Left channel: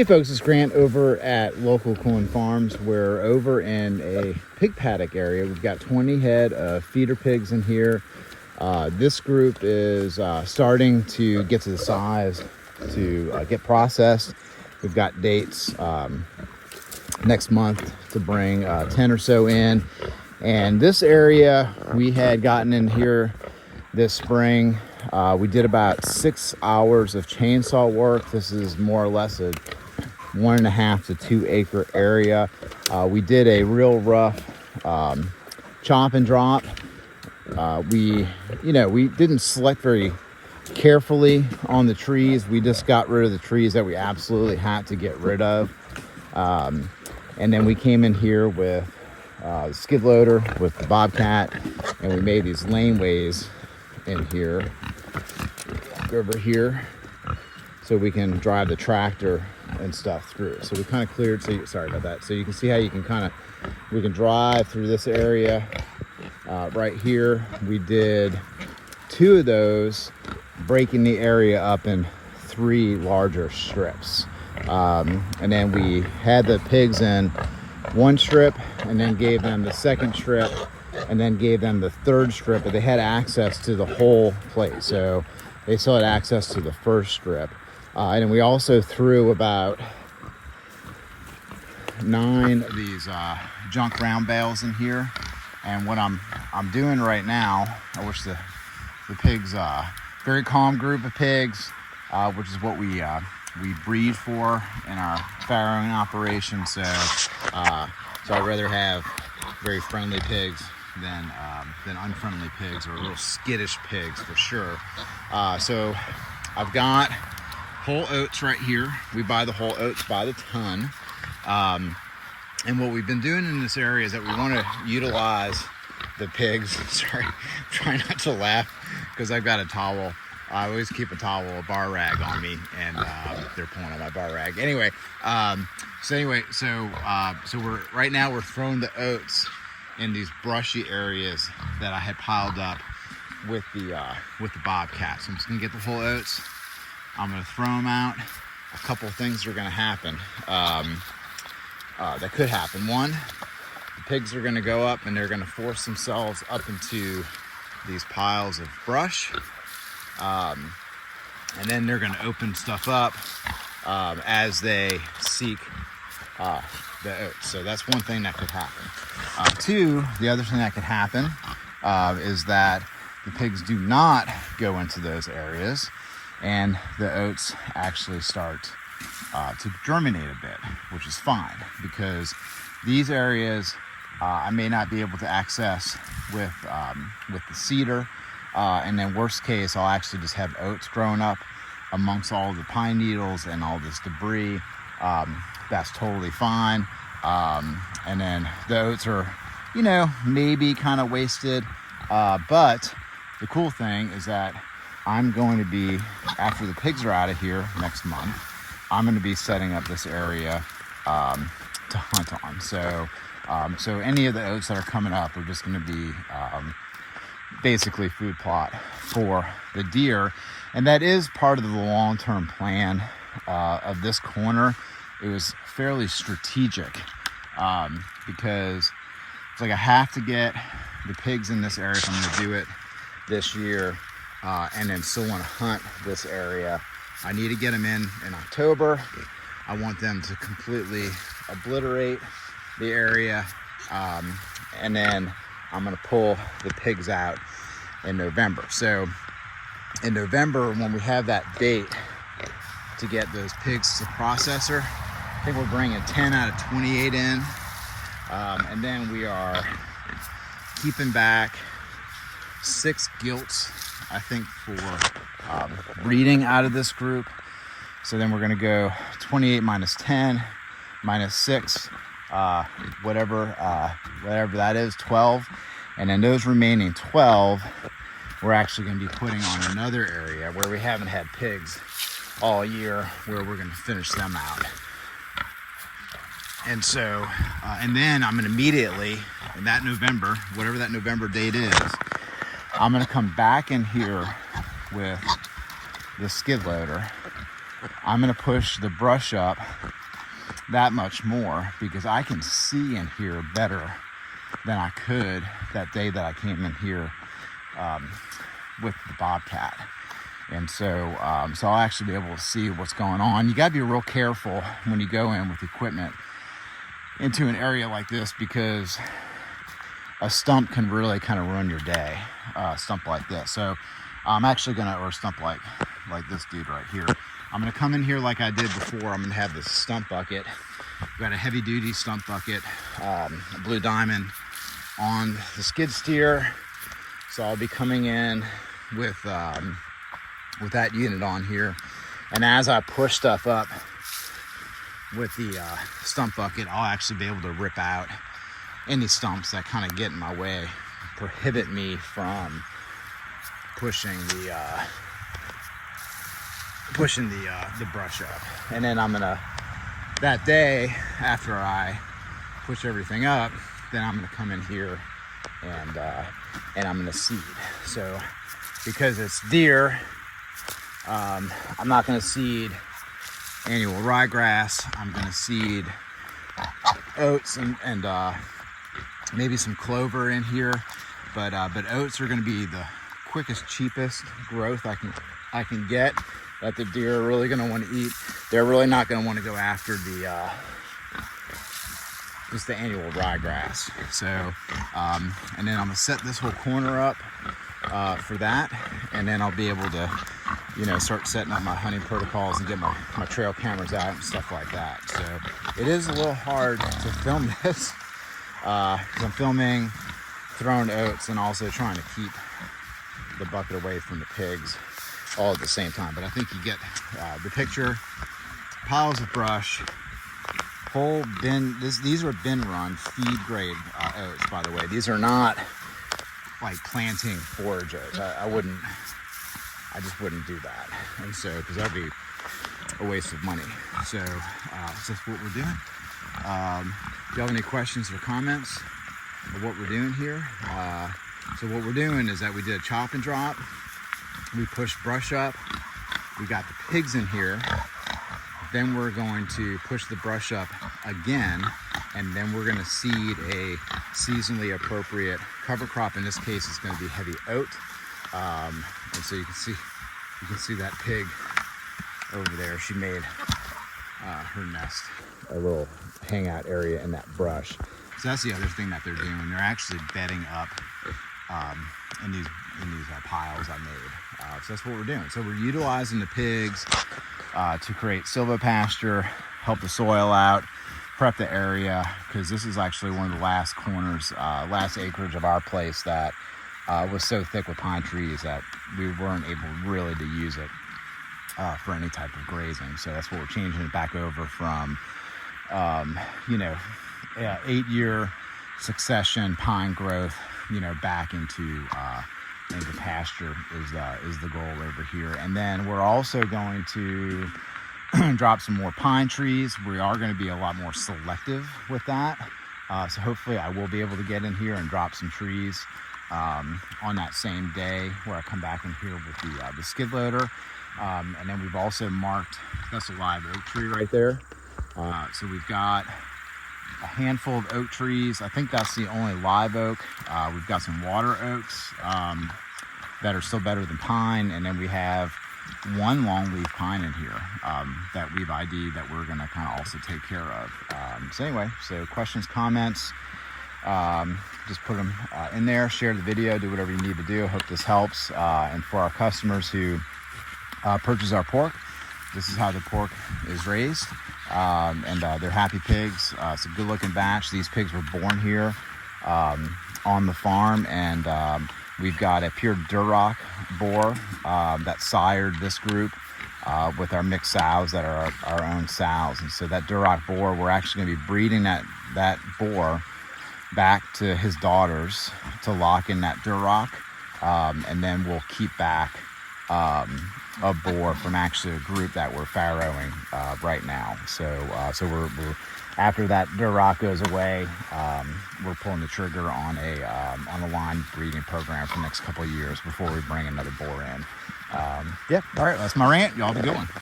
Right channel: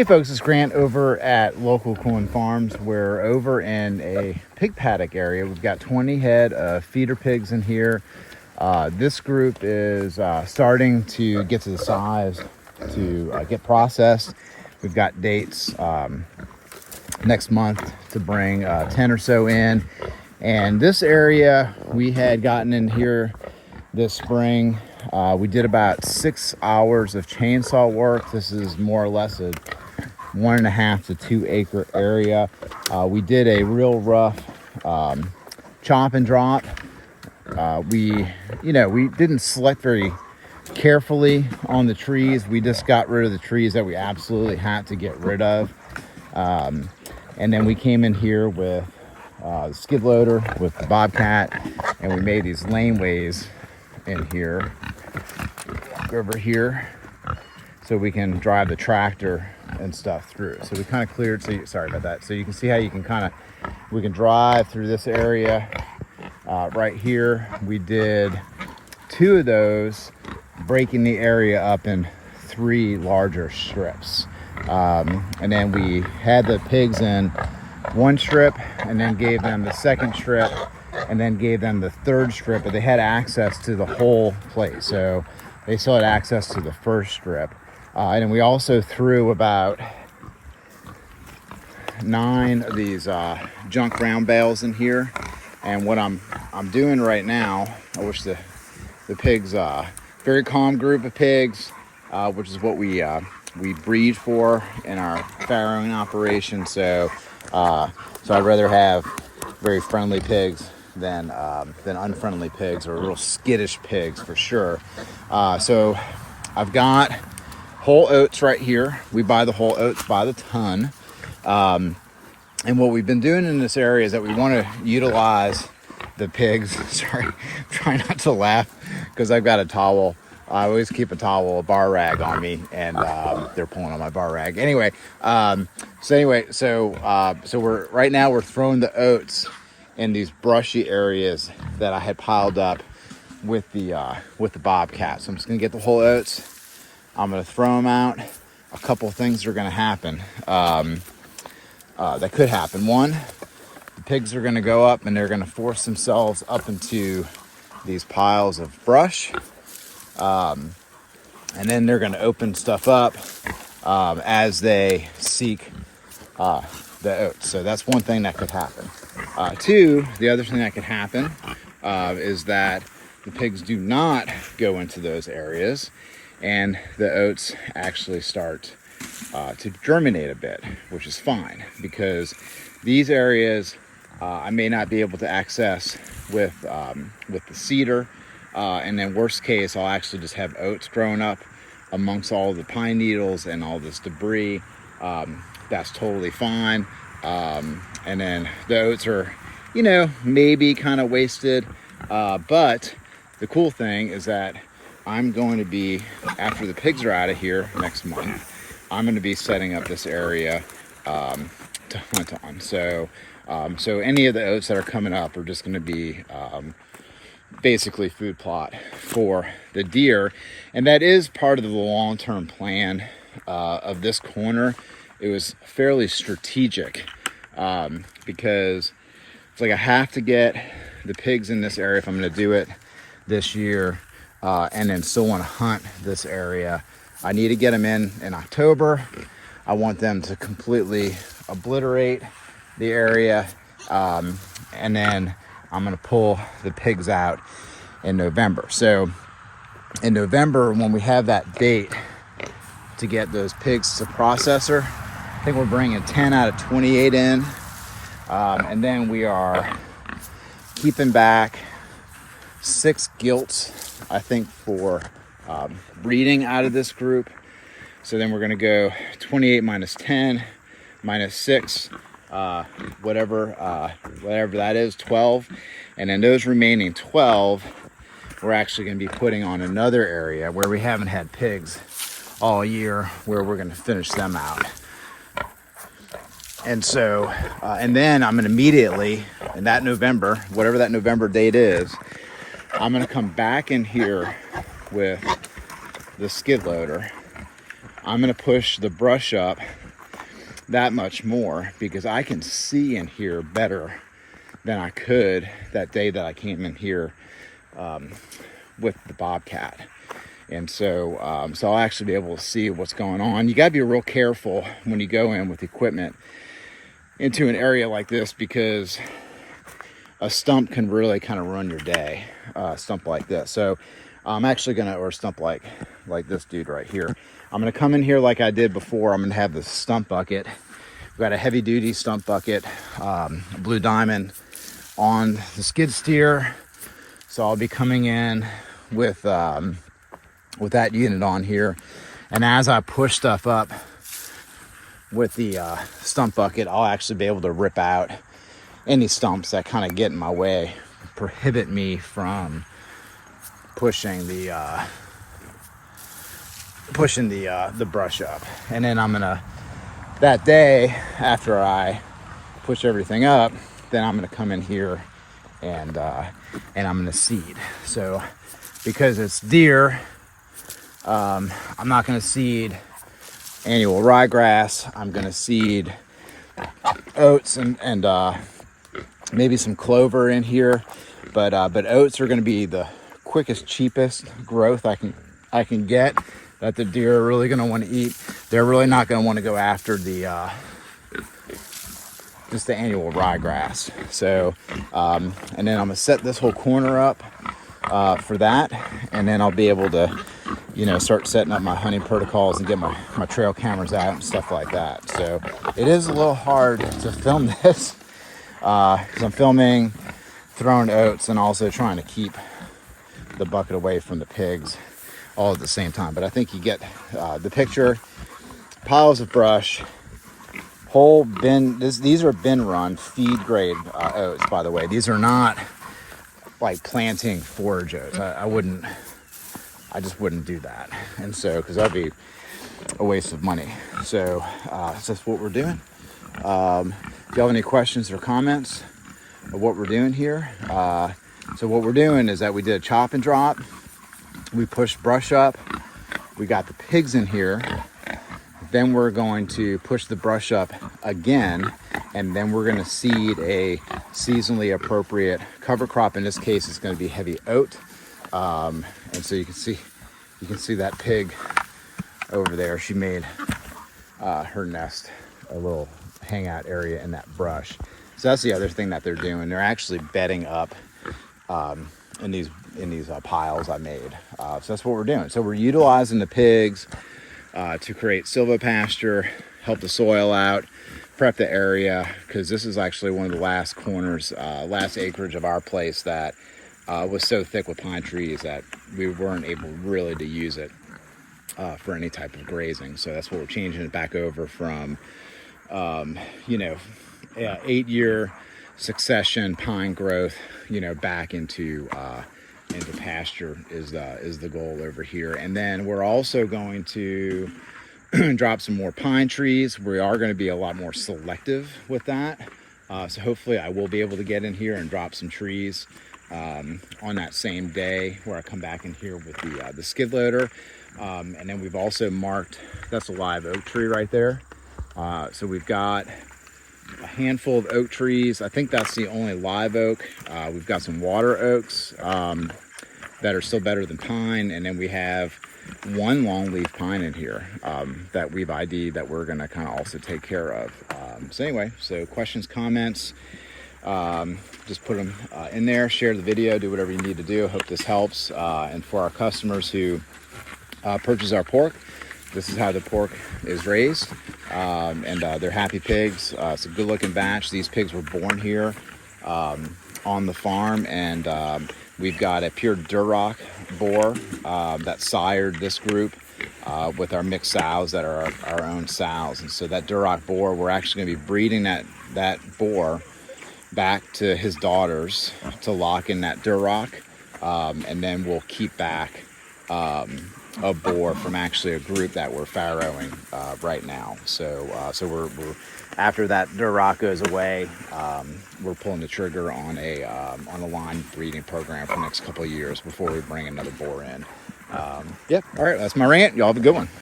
Hey folks, it's Grant over at Local Corn Farms. We're over in a pig paddock area. We've got 20 head of feeder pigs in here. This group is starting to get to the size to get processed. We've got dates next month to bring 10 or so in. And this area we had gotten in here this spring. We did about 6 hours of chainsaw work. This is more or less a 1.5 to 2 acre area. We did a real rough chop and drop. We didn't select very carefully on the trees. We just got rid of the trees that we absolutely had to get rid of. And then we came in here with the skid loader with the Bobcat, and we made these laneways in here, over here, so we can drive the tractor and stuff through. So we kind of cleared, sorry about that. So you can see how you can we can drive through this area right here. We did 2 of those, breaking the area up in 3 larger strips. And then we had the pigs in 1 strip, and then gave them the 2nd strip, and then gave them the 3rd strip, but they had access to the whole place. So they still had access to the 1st strip. And then we also threw about 9 of these junk round bales in here. And what I'm doing right now, I wish the pigs, very calm group of pigs, which is what we breed for in our farrowing operation. So I'd rather have very friendly pigs than unfriendly pigs, or real skittish pigs for sure. So I've got whole oats right here. We buy the whole oats by the ton. And what we've been doing in this area is that we want to utilize the pigs. Sorry, try not to laugh because I've got a towel. I always keep a bar rag on me, and they're pulling on my bar rag. Anyway, so we're throwing the oats in these brushy areas that I had piled up with the Bobcat. So I'm just gonna get the whole oats. I'm gonna throw them out. A couple of things are gonna happen. That could happen. One, the pigs are gonna go up and they're gonna force themselves up into these piles of brush. And then they're gonna open stuff up as they seek the oats. So that's one thing that could happen. 2, the other thing that could happen is that the pigs do not go into those areas, and the oats actually start to germinate a bit, which is fine, because these areas I may not be able to access with the cedar, and then worst case, I'll actually just have oats growing up amongst all the pine needles and all this debris. That's totally fine. And then the oats are, maybe kind of wasted, but the cool thing is that I'm going to be, after the pigs are out of here next month, I'm going to be setting up this area to hunt on. So any of the oats that are coming up are just going to be basically food plot for the deer. And that is part of the long-term plan of this corner. It was fairly strategic because it's like I have to get the pigs in this area if I'm going to do it this year, and then still want to hunt this area. I need to get them in October. I want them to completely obliterate the area, and then I'm going to pull the pigs out in November. So in November, when we have that date to get those pigs to processor, I think we're bringing 10 out of 28 in, and then we are keeping back 6 gilts, I think, for breeding out of this group. So then we're going to go 28 minus 10 minus 6, whatever that is, 12. And then those remaining 12, we're actually going to be putting on another area where we haven't had pigs all year, where we're going to finish them out. And so, and then I'm going to immediately, in that November, whatever that November date is, I'm going to come back in here with the skid loader. I'm going to push the brush up that much more because I can see in here better than I could that day that I came in here with the bobcat. And so I'll actually be able to see what's going on. You got to be real careful when you go in with equipment into an area like this because a stump can really kind of ruin your day. A stump like this. So I'm actually gonna, or a stump like this dude right here. I'm gonna come in here like I did before. I'm gonna have this stump bucket. We've got a heavy duty stump bucket, Blue Diamond on the skid steer. So I'll be coming in with that unit on here, and as I push stuff up with the stump bucket, I'll actually be able to rip out any stumps that kind of get in my way, prohibit me from pushing the brush up. And then I'm gonna, that day after I push everything up, then I'm gonna come in here and I'm gonna seed. So because it's deer, I'm not gonna seed annual ryegrass. I'm gonna seed oats and maybe some clover in here, but oats are gonna be the quickest, cheapest growth I can get that the deer are really gonna want to eat. They're really not gonna want to go after the just the annual ryegrass. So and then I'm gonna set this whole corner up for that, and then I'll be able to, you know, start setting up my hunting protocols and get my trail cameras out and stuff like that. So it is a little hard to film this because I'm filming, throwing oats, and also trying to keep the bucket away from the pigs all at the same time. But I think you get the picture. Piles of brush, whole bin. These are bin run feed grade oats, by the way. These are not like planting forage oats. I just wouldn't do that. And so, because that'd be a waste of money. So that's what we're doing. If you have any questions or comments of what we're doing here, so what we're doing is that we did a chop and drop. We pushed brush up. We got the pigs in here. Then we're going to push the brush up again, and then we're going to seed a seasonally appropriate cover crop. In this case, it's going to be heavy oat. And so you can see that pig over there. She made her nest a little hangout area in that brush. So that's the other thing that they're doing. They're actually bedding up in these piles I made. So that's what we're doing. So we're utilizing the pigs to create Sylvo pasture, help the soil out, prep the area, because this is actually one of the last corners, last acreage of our place that was so thick with pine trees that we weren't able really to use it for any type of grazing. So that's what we're changing it back over from, 8-year succession pine growth, back into pasture is the goal over here. And then we're also going to drop some more pine trees. We are going to be a lot more selective with that. So hopefully I will be able to get in here and drop some trees on that same day where I come back in here with the skid loader. And then we've also marked, that's a live oak tree right there. So we've got a handful of oak trees. I think that's the only live oak. We've got some water oaks that are still better than pine. And then we have one longleaf pine in here that we've ID'd that we're gonna kind of also take care of. So anyway, so questions, comments, just put them in there, share the video, do whatever you need to do. I hope this helps. And for our customers who purchase our pork, this is how the pork is raised. And they're happy pigs. It's a good looking batch. These pigs were born here on the farm, and we've got a pure Duroc boar that sired this group with our mixed sows that are our own sows. And so that Duroc boar, we're actually going to be breeding that boar back to his daughters to lock in that Duroc, and then we'll keep back a boar from actually a group that we're farrowing right now. So we're after that Duroc goes away, we're pulling the trigger on a line breeding program for the next couple of years before we bring another boar in. Yep. All right, that's my rant. Y'all have a good one.